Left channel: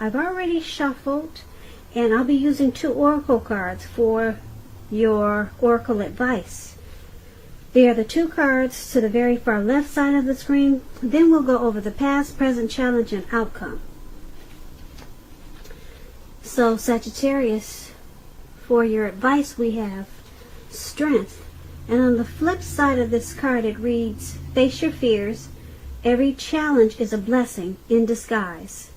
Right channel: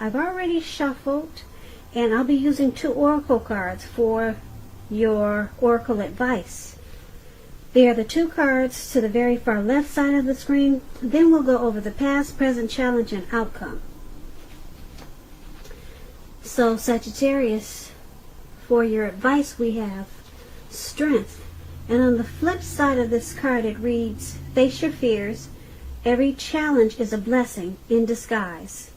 I've already shuffled, and I'll be using 2 oracle cards for your oracle advice. They are the 2 cards to the very far left side of the screen. Then we'll go over the past, present, challenge, and outcome. So Sagittarius, for your advice we have strength. And on the flip side of this card it reads, face your fears. Every challenge is a blessing in disguise.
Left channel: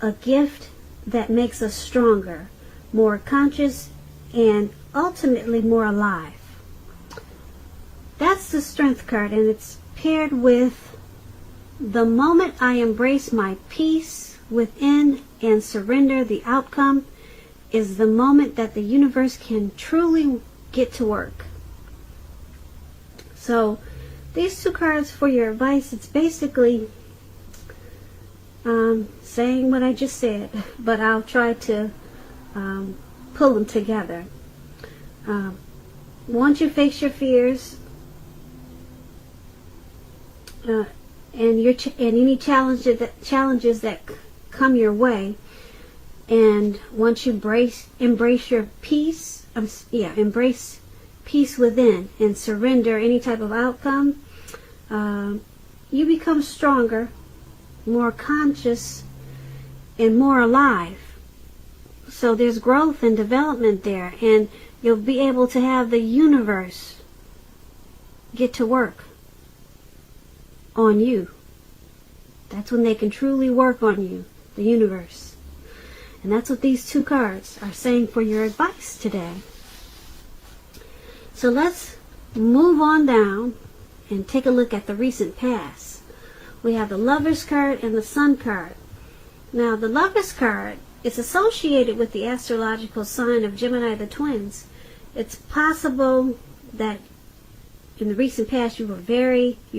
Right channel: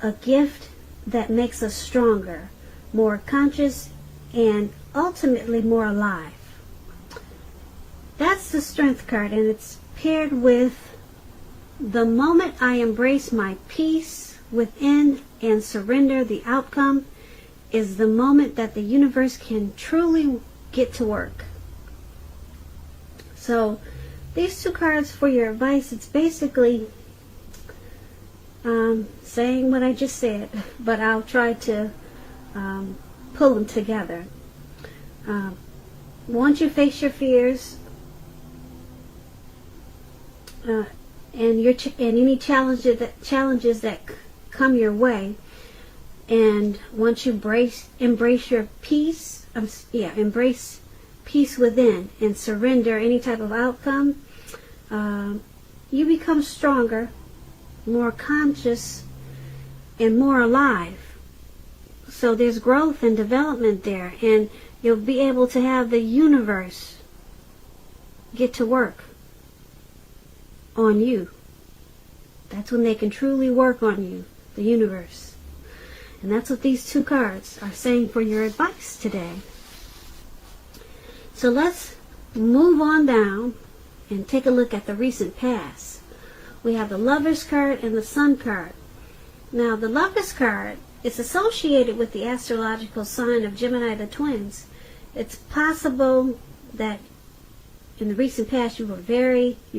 A gift that makes us stronger, more conscious, and ultimately more alive. That's the strength card, and it's paired with the moment I embrace my peace within and surrender the outcome is the moment that the universe can truly get to work. So these 2 cards for your advice, it's basically saying what I just said, but I'll try to pull them together. Once you face your fears, and any challenges that come your way, and once you embrace your peace, embrace peace within and surrender any type of outcome, you become stronger, more conscious, and more alive. So there's growth and development there, and you'll be able to have the universe get to work on you. That's when they can truly work on you, the universe. And that's what these 2 cards are saying for your advice today. So let's move on down and take a look at the recent past. We have the Lover's card and the Sun card. Now the Lover's card is associated with the astrological sign of Gemini the twins. It's possible that in the recent past you were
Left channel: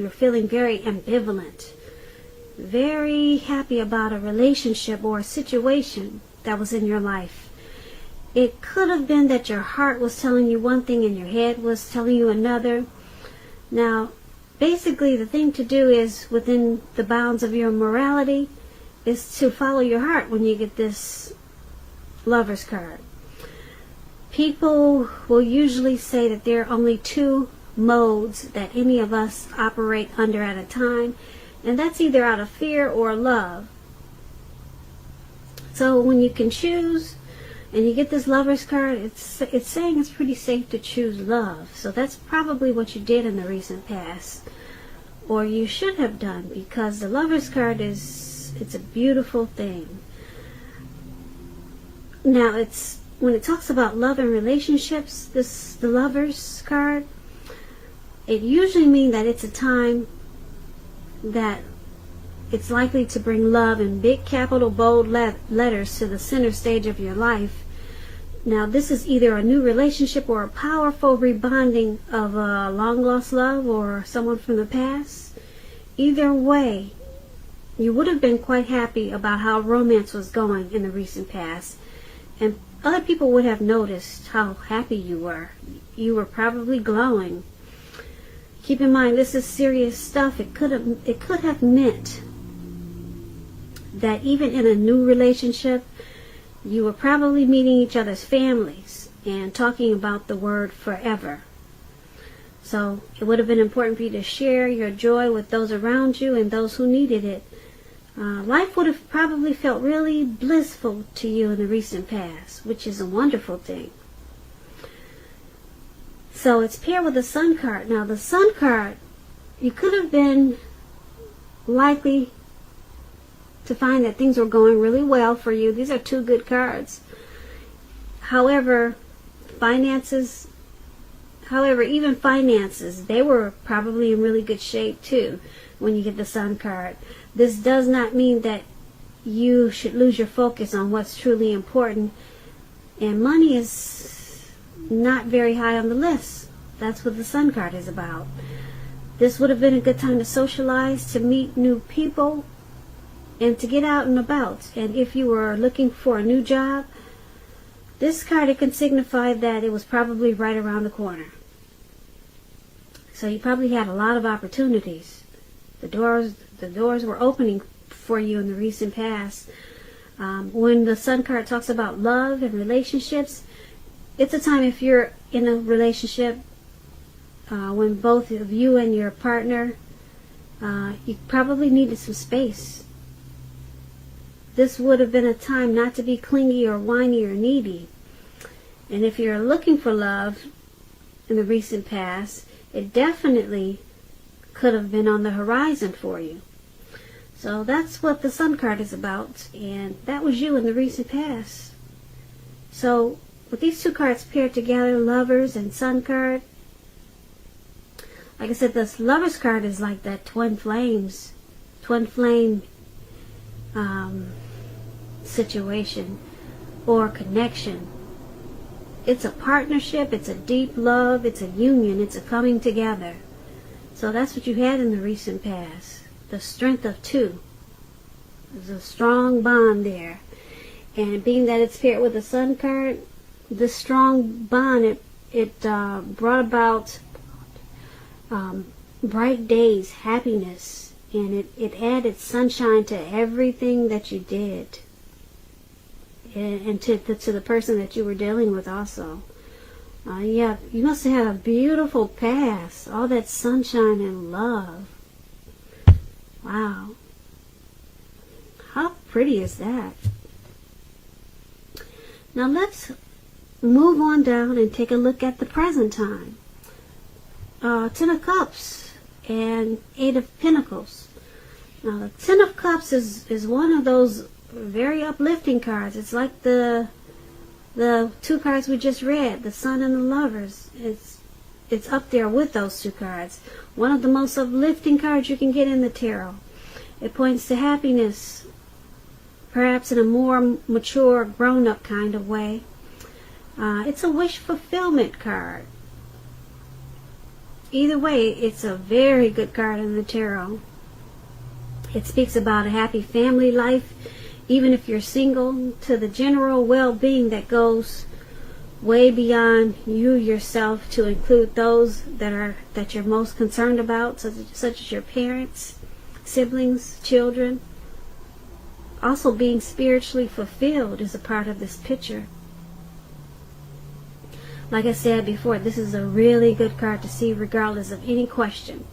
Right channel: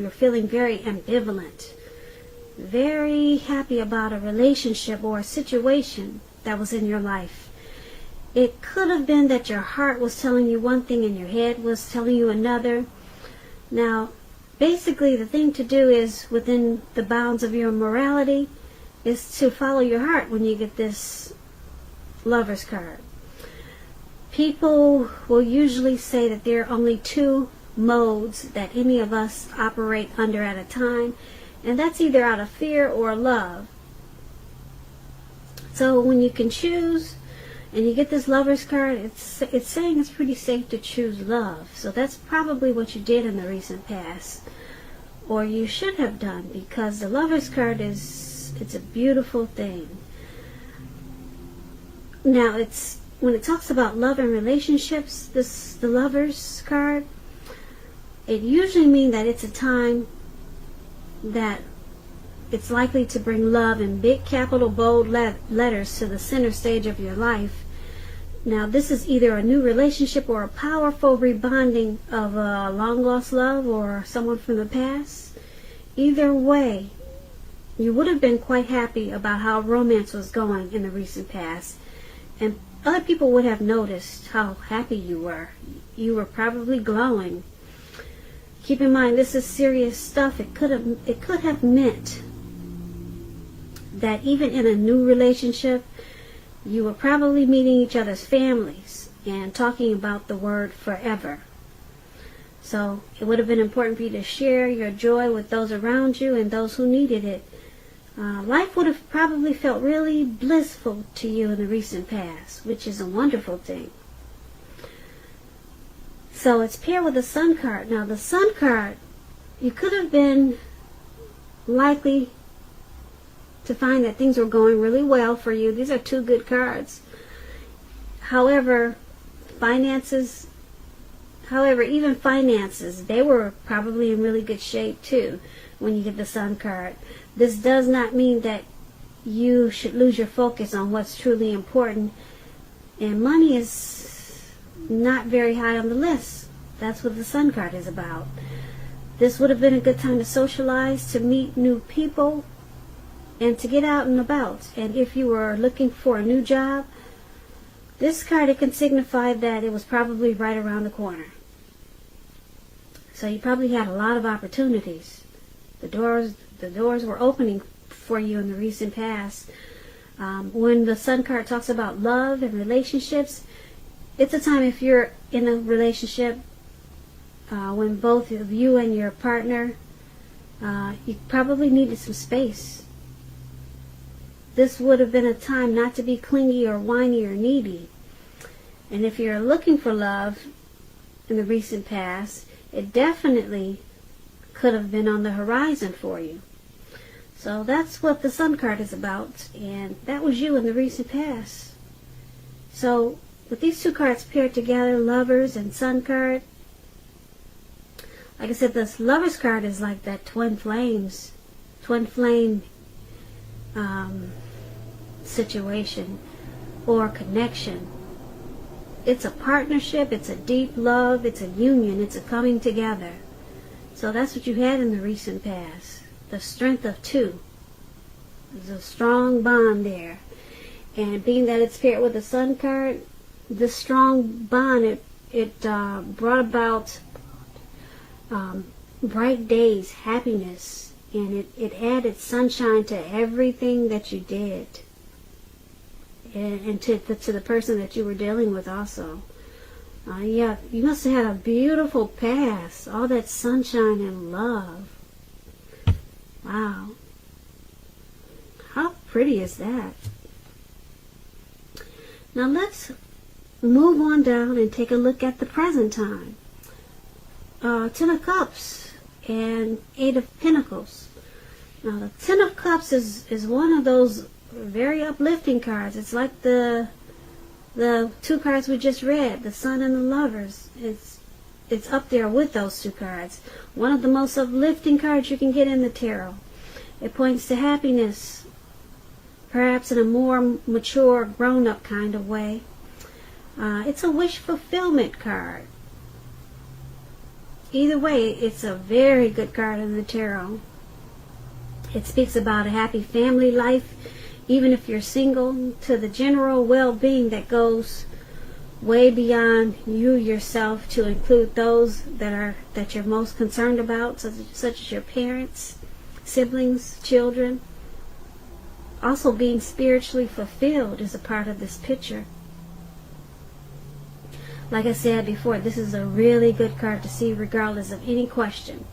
feeling very ambivalent, very happy about a relationship or a situation that was in your life. It could have been that your heart was telling you one thing and your head was telling you another. Now, basically the thing to do is, within the bounds of your morality, is to follow your heart when you get this Lover's card. People will usually say that there are only 2 modes that any of us operate under at a time, and that's either out of fear or love. So when you can choose and you get this Lover's card, it's saying it's pretty safe to choose love. So that's probably what you did in the recent past, or you should have done, because the Lover's card it's a beautiful thing. Now when it talks about love and relationships, the Lover's card, it usually means that it's a time that it's likely to bring love in big capital bold letters to the center stage of your life. Now this is either a new relationship or a powerful rebonding of a long lost love or someone from the past. Either way, you would have been quite happy about how romance was going in the recent past, and other people would have noticed how happy you were. You were probably glowing. Keep in mind, this is serious stuff. It could have meant that even in a new relationship, you were probably meeting each other's families and talking about the word forever. So it would have been important for you to share your joy with those around you and those who needed it. Life would have probably felt really blissful to you in the recent past, which is a wonderful thing. So it's paired with the Sun card. Now the Sun card, you could have been likely to find that things were going really well for you. These are 2 good cards. However, even finances, they were probably in really good shape too when you get the Sun card. This does not mean that you should lose your focus on what's truly important. And money is not very high on the list. That's what the Sun card is about. This would have been a good time to socialize, to meet new people, and to get out and about. And if you were looking for a new job, this card, it could signify that it was probably right around the corner. So you probably had a lot of opportunities. The doors were opening for you in the recent past. When the Sun card talks about love and relationships, it's a time if you're in a relationship, when both of you and your partner, you probably needed some space. This would have been a time not to be clingy or whiny or needy. And if you're looking for love in the recent past, it definitely could have been on the horizon for you. So that's what the Sun card is about, and that was you in the recent past. So with these two cards paired together, Lovers and Sun card, like I said, this Lovers card is like that twin flame situation or connection. It's a partnership, it's a deep love, it's a union, it's a coming together. So that's what you had in the recent past. The strength of two. There's a strong bond there. And being that it's paired with the Sun card, this strong bond, it brought about bright days, happiness, and it added sunshine to everything that you did. And to the person that you were dealing with also. Yeah, you must have had a beautiful past. All that sunshine and love. Wow. How pretty is that? Now let's move on down and take a look at the present time. Ten of Cups and Eight of Pentacles. Now the Ten of Cups is one of those very uplifting cards. It's like the two cards we just read, the Sun and the Lovers. It's up there with those two cards. One of the most uplifting cards you can get in the tarot. It points to happiness, perhaps in a more mature, grown-up kind of way. It's a wish fulfillment card. Either way, it's a very good card in the tarot. It speaks about a happy family life, even if you're single, to the general well-being that goes way beyond you yourself, to include those that you're most concerned about, such as your parents, siblings, children. Also, being spiritually fulfilled is a part of this picture. Like I said before, this is a really good card to see regardless of any question.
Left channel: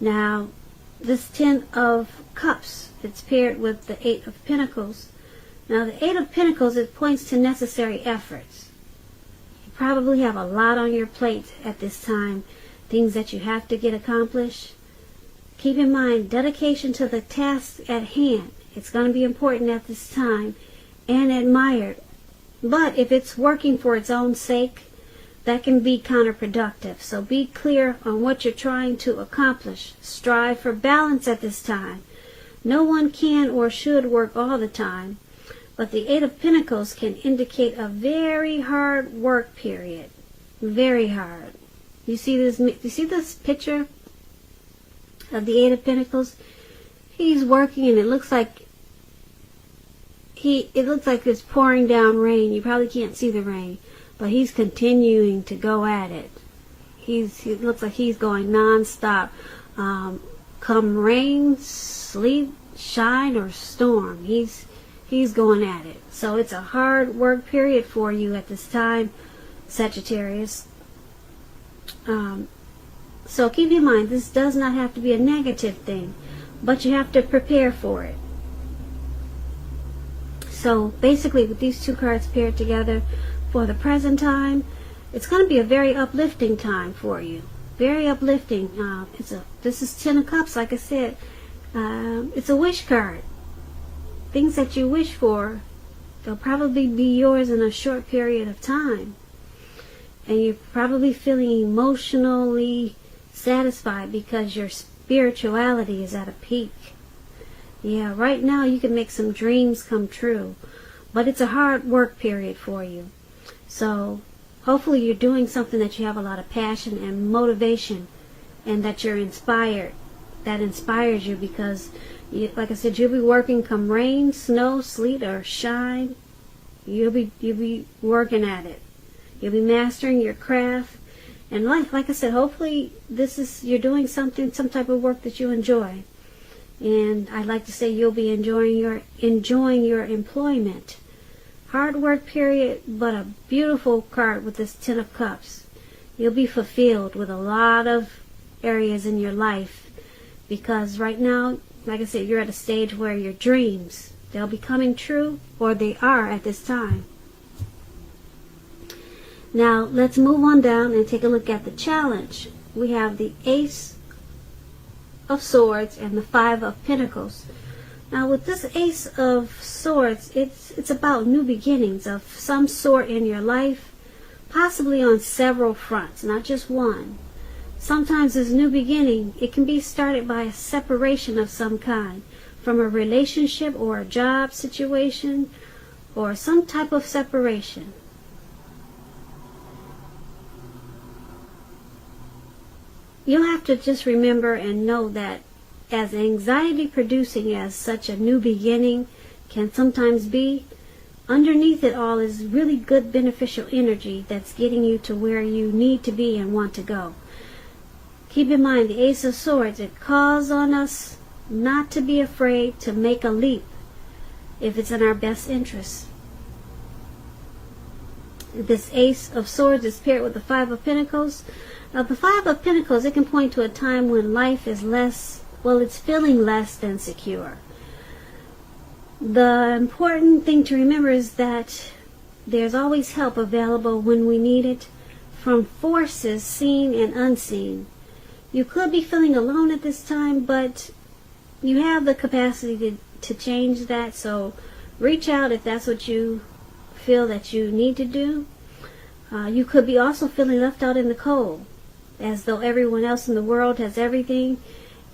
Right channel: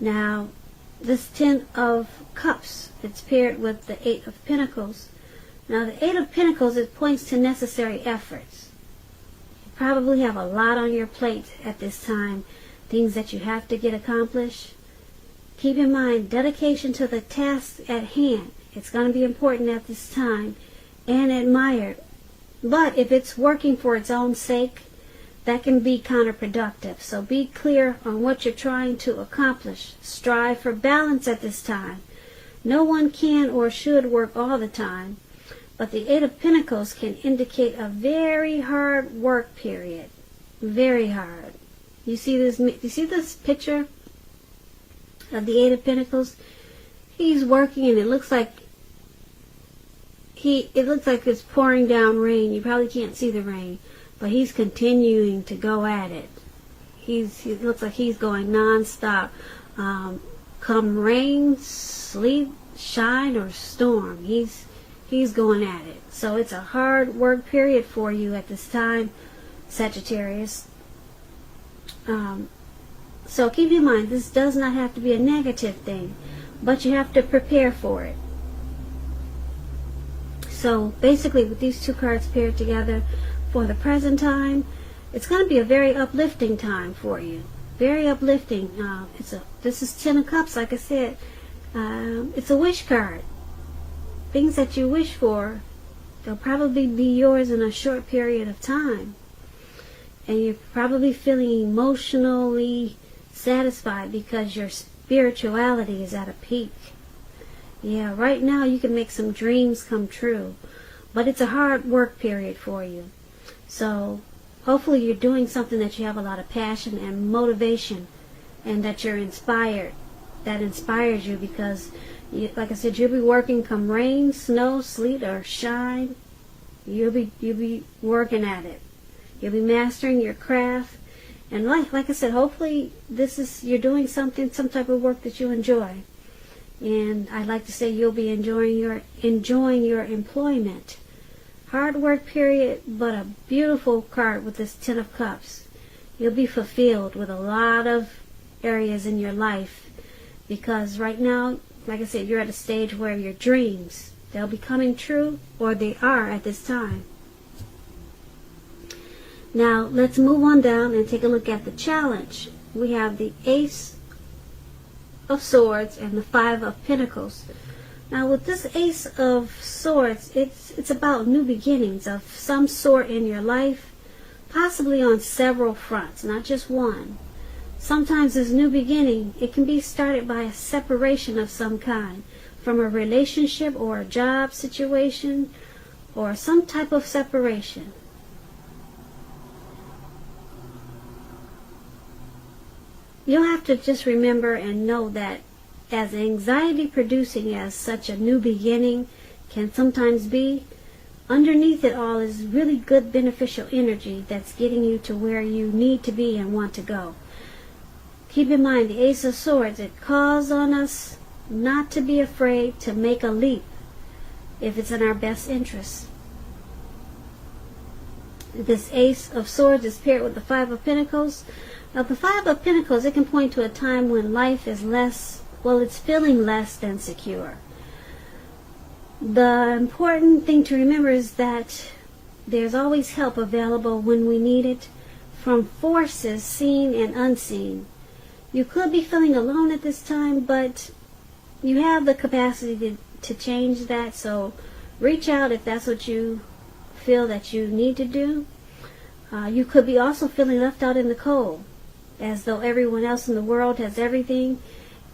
Now, this Ten of Cups, it's paired with the Eight of Pentacles. Now, the Eight of Pentacles, it points to necessary efforts. You probably have a lot on your plate at this time, things that you have to get accomplished. Keep in mind, dedication to the task at hand. It's going to be important at this time and admired. But if it's working for its own sake, that can be counterproductive. So be clear on what you're trying to accomplish. Strive for balance at this time. No one can or should work all the time, but the Eight of Pentacles can indicate a very hard work period. Very hard. You see this picture of the Eight of Pentacles? He's working and it looks like it's pouring down rain. You probably can't see the rain, but he's continuing to go at it. It looks like he's going non-stop. Come rain, sleet, shine, or storm, he's going at it. So it's a hard work period for you at this time, Sagittarius. So keep in mind, this does not have to be a negative thing, but you have to prepare for it. So basically, with these two cards paired together for the present time, it's going to be a very uplifting time for you. Very uplifting. This is Ten of Cups, like I said. It's a wish card. Things that you wish for, they'll probably be yours in a short period of time. And you're probably feeling emotionally satisfied because your spirituality is at a peak. Yeah, right now you can make some dreams come true, but it's a hard work period for you. So hopefully you're doing something that you have a lot of passion and motivation, and that you're inspired. That inspires you because, like I said, you'll be working come rain, snow, sleet, or shine. You'll be working at it. You'll be mastering your craft. And like I said, hopefully you're doing some type of work that you enjoy. And I'd like to say you'll be enjoying your employment. Hard work period, but a beautiful card with this Ten of Cups. You'll be fulfilled with a lot of areas in your life, because right now, like I said, you're at a stage where your dreams, they'll be coming true, or they are at this time. Now, let's move on down and take a look at the challenge. We have the Ace of Swords and the Five of Pentacles. Now, with this Ace of Swords, it's about new beginnings of some sort in your life, possibly on several fronts, not just one. Sometimes this new beginning, it can be started by a separation of some kind, from a relationship or a job situation, or some type of separation. You have to just remember and know that as anxiety producing as such a new beginning can sometimes be, underneath it all is really good beneficial energy that's getting you to where you need to be and want to go. Keep in mind, the Ace of Swords, it calls on us not to be afraid to make a leap if it's in our best interest. This Ace of Swords is paired with the Five of Pentacles. Now, the Five of Pentacles, it can point to a time when life is it's feeling less than secure. The important thing to remember is that there's always help available when we need it, from forces seen and unseen. You could be feeling alone at this time, but you have the capacity to change that, so reach out if that's what you feel that you need to do. You could be also feeling left out in the cold, as though everyone else in the world has everything,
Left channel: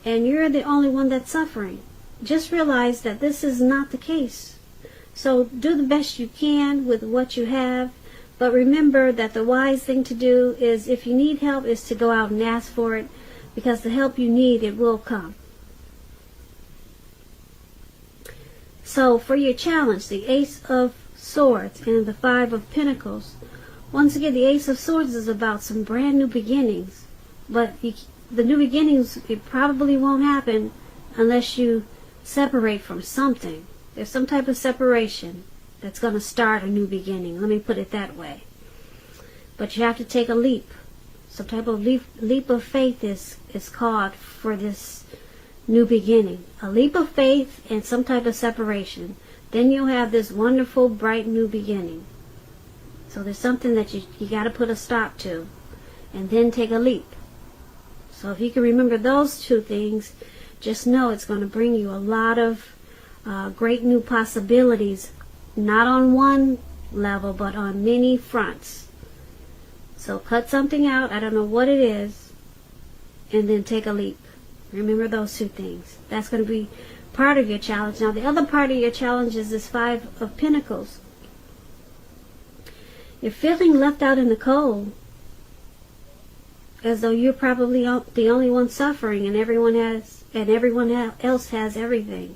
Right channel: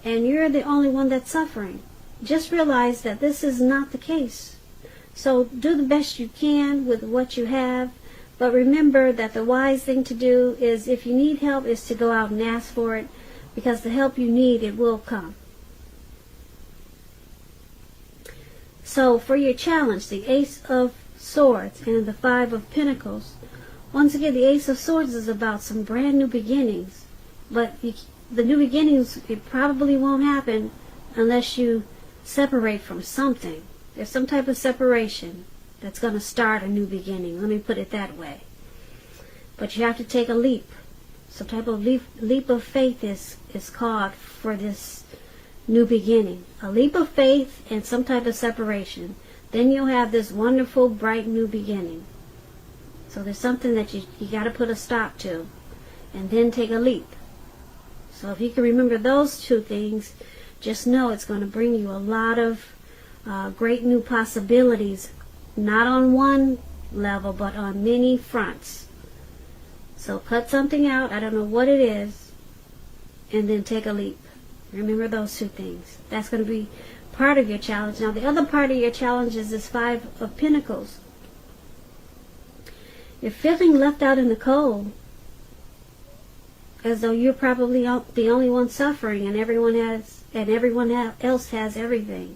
and you're the only one that's suffering. Just realize that this is not the case. So do the best you can with what you have, but remember that the wise thing to do is, if you need help, is to go out and ask for it, because the help you need, it will come. So for your challenge, the Ace of Swords and the Five of Pentacles. Once again, the Ace of Swords is about some brand new beginnings. But the new beginnings, it probably won't happen unless you separate from something. There's some type of separation that's going to start a new beginning. Let me put it that way. But you have to take a leap. Some type of leap of faith is called for this new beginning. A leap of faith and some type of separation. Then you'll have this wonderful, bright new beginning. So there's something that you got to put a stop to, and then take a leap. So if you can remember those two things, just know it's going to bring you a lot of great new possibilities, not on one level, but on many fronts. So cut something out, I don't know what it is, and then take a leap. Remember those two things. That's going to be part of your challenge. Now, the other part of your challenge is this Five of Pentacles. You're feeling left out in the cold, as though you're probably the only one suffering, and everyone else has everything.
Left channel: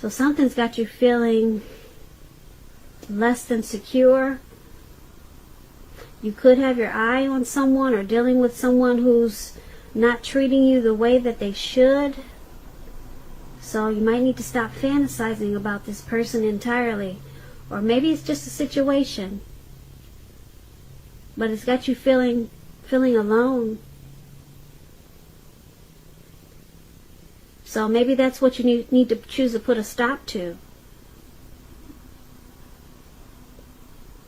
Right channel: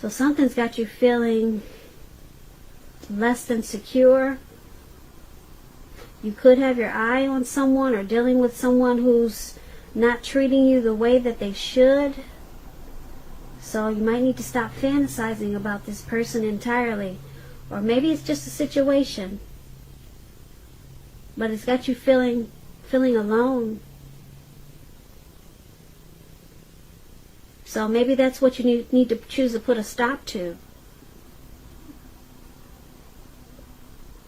So something's got you feeling less than secure. You could have your eye on someone or dealing with someone who's not treating you the way that they should. So you might need to stop fantasizing about this person entirely. Or maybe it's just a situation, but it's got you feeling alone. So maybe that's what you need to choose to put a stop to.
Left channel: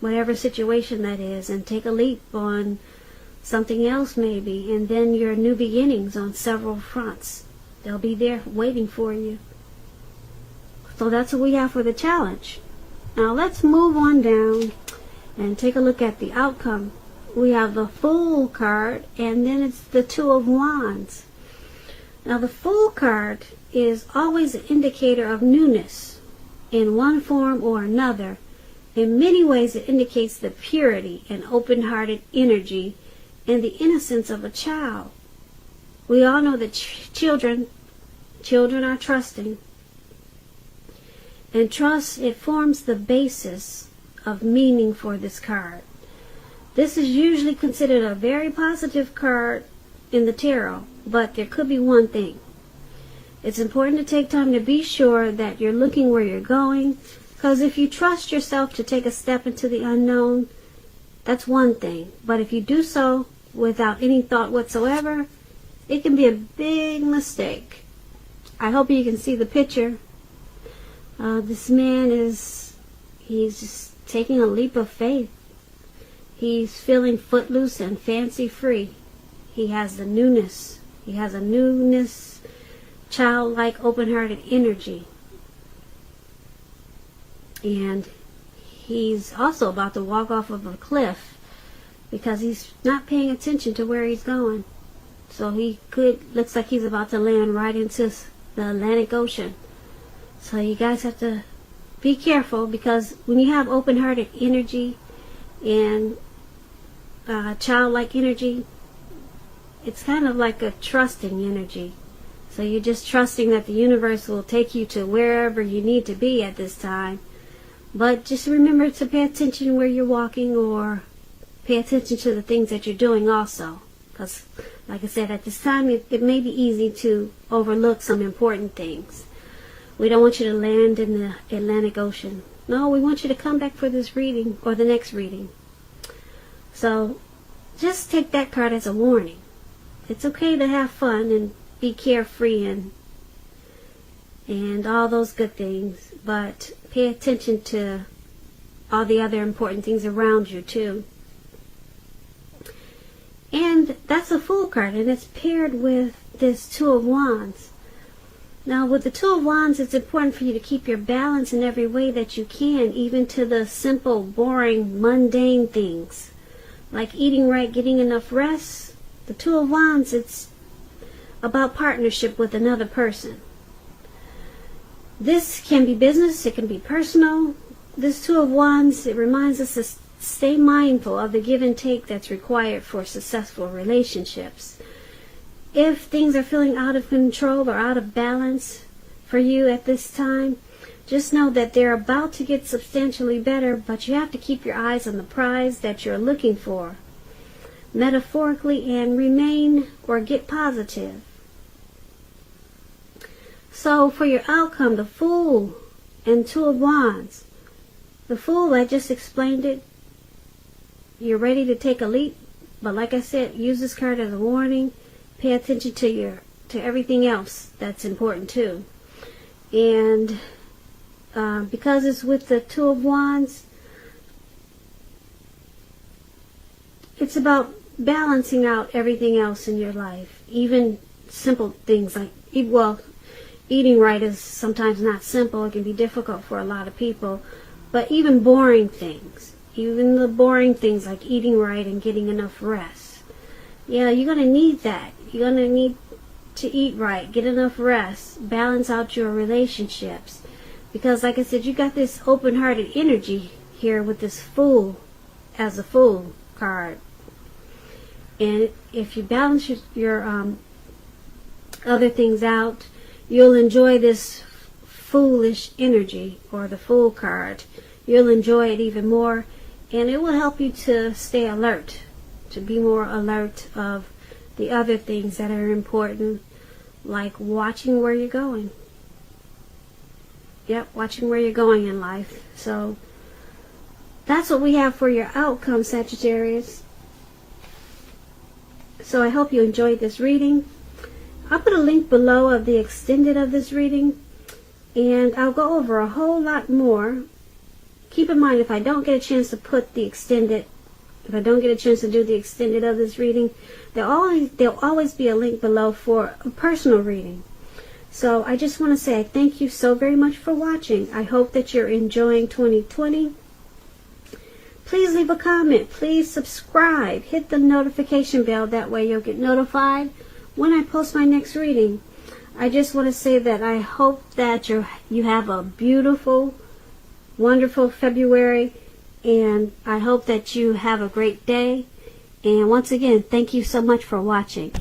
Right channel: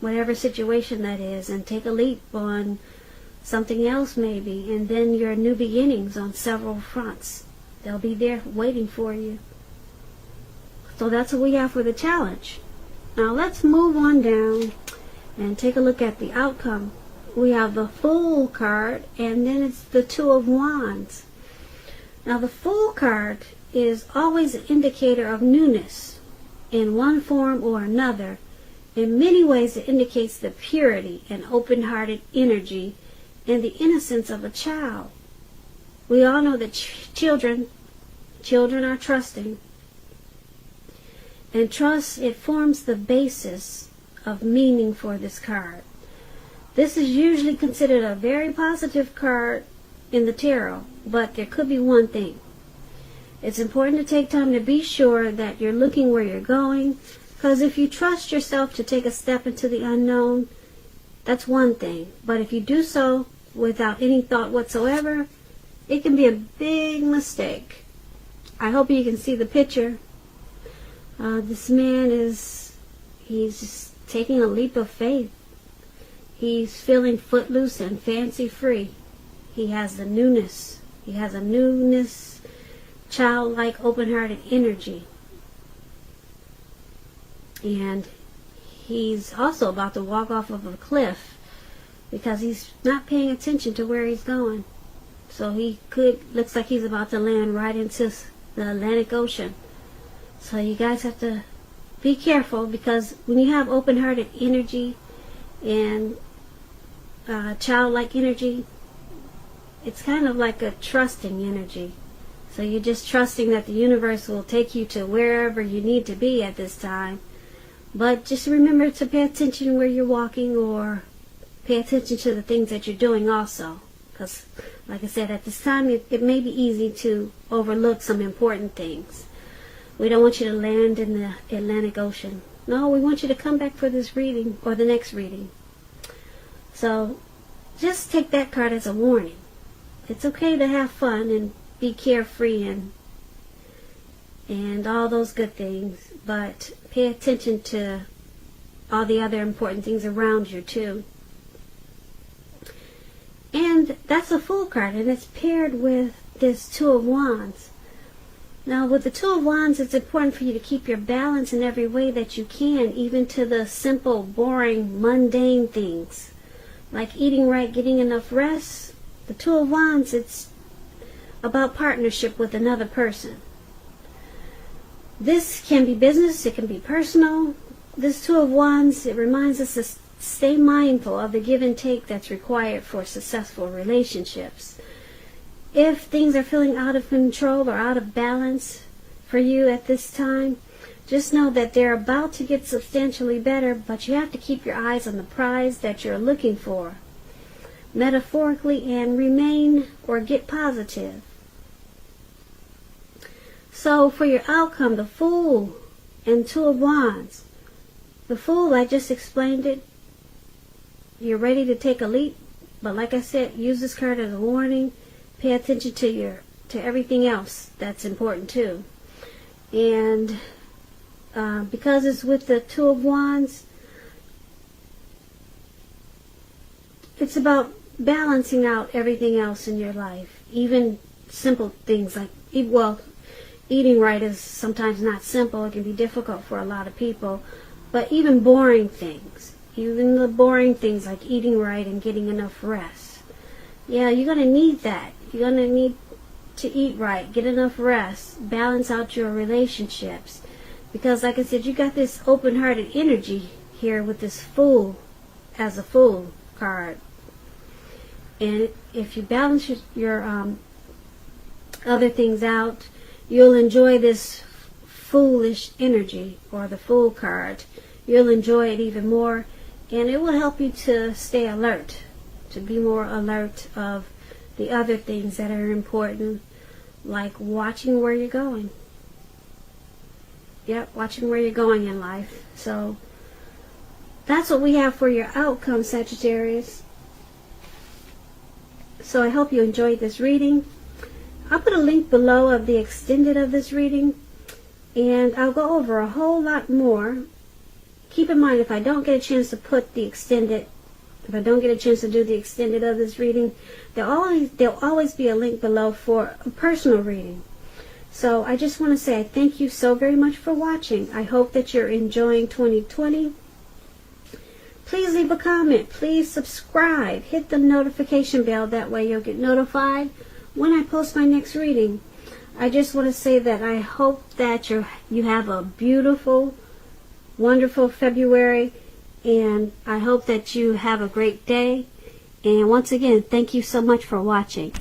Whatever situation that is, and take a leap on something else maybe, and then your new beginnings on several fronts. They'll be there waiting for you. So that's what we have for the challenge. Now let's move on down and take a look at the outcome. We have the Fool card, and then it's the Two of Wands. Now the Fool card is always an indicator of newness in one form or another. In many ways, it indicates the purity and open-hearted energy and the innocence of a child. We all know that children are trusting. And trust, it forms the basis of meaning for this card. This is usually considered a very positive card in the tarot, but there could be one thing. It's important to take time to be sure that you're looking where you're going, because if you trust yourself to take a step into the unknown, that's one thing. But if you do so without any thought whatsoever, it can be a big mistake. I hope you can see the picture. This man he's just taking a leap of faith. He's feeling footloose and fancy free. He has the newness. He has a newness, childlike, open-hearted energy. And he's also about to walk off of a cliff because he's not paying attention to where he's going. So looks like he's about to land right into the Atlantic Ocean. So you guys have to be careful, because when you have open-hearted energy and childlike energy, it's kind of like a trusting energy. So you're just trusting that the universe will take you to wherever you need to be at this time. But just remember to pay attention where you're walking, or pay attention to the things that you're doing also. Because, like I said, at this time it may be easy to overlook some important things. We don't want you to land in the Atlantic Ocean. No, we want you to come back for this reading or the next reading. So just take that card as a warning. It's okay to have fun and be carefree and all those good things, but pay attention to all the other important things around you too. And that's a Fool card, and it's paired with this Two of Wands. Now, with the Two of Wands, it's important for you to keep your balance in every way that you can, even to the simple, boring, mundane things, like eating right, getting enough rest. The Two of Wands, it's about partnership with another person. This can be business, it can be personal. This Two of Wands, it reminds us to stay mindful of the give and take that's required for successful relationships. If things are feeling out of control or out of balance for you at this time, just know that they're about to get substantially better, but you have to keep your eyes on the prize that you're looking for, metaphorically, and remain or get positive. So for your outcome, the Fool and Two of Wands. The Fool, I just explained it. You're ready to take a leap, but like I said, use this card as a warning. Pay attention to everything else that's important too. And because it's with the Two of Wands, it's about balancing out everything else in your life. Even simple things like, eating right is sometimes not simple. It can be difficult for a lot of people. But even boring things, even the boring things like eating right and getting enough rest. Yeah, you're going to need that. You're going to need to eat right, get enough rest, balance out your relationships. Because like I said, you got this open-hearted energy here with this Fool as a Fool card. And if you balance your other things out, you'll enjoy this foolish energy, or the Fool card. You'll enjoy it even more, and it will help you to stay alert, to be more alert of the other things that are important, like watching where you're going. Yep, watching where you're going in life. So that's what we have for your outcome, Sagittarius. So I hope you enjoyed this reading. I'll put a link below of the extended of this reading, and I'll go over a whole lot more. Keep in mind, if I don't get a chance to put the extended, if I don't get a chance to do the extended of this reading, there'll always be a link below for a personal reading. So I just want to say thank you so very much for watching. I hope that you're enjoying 2020. Please leave a comment. Please subscribe. Hit the notification bell. That way you'll get notified when I post my next reading. I just want to say that I hope that you have a beautiful, wonderful February, and I hope that you have a great day. And once again, thank you so much for watching.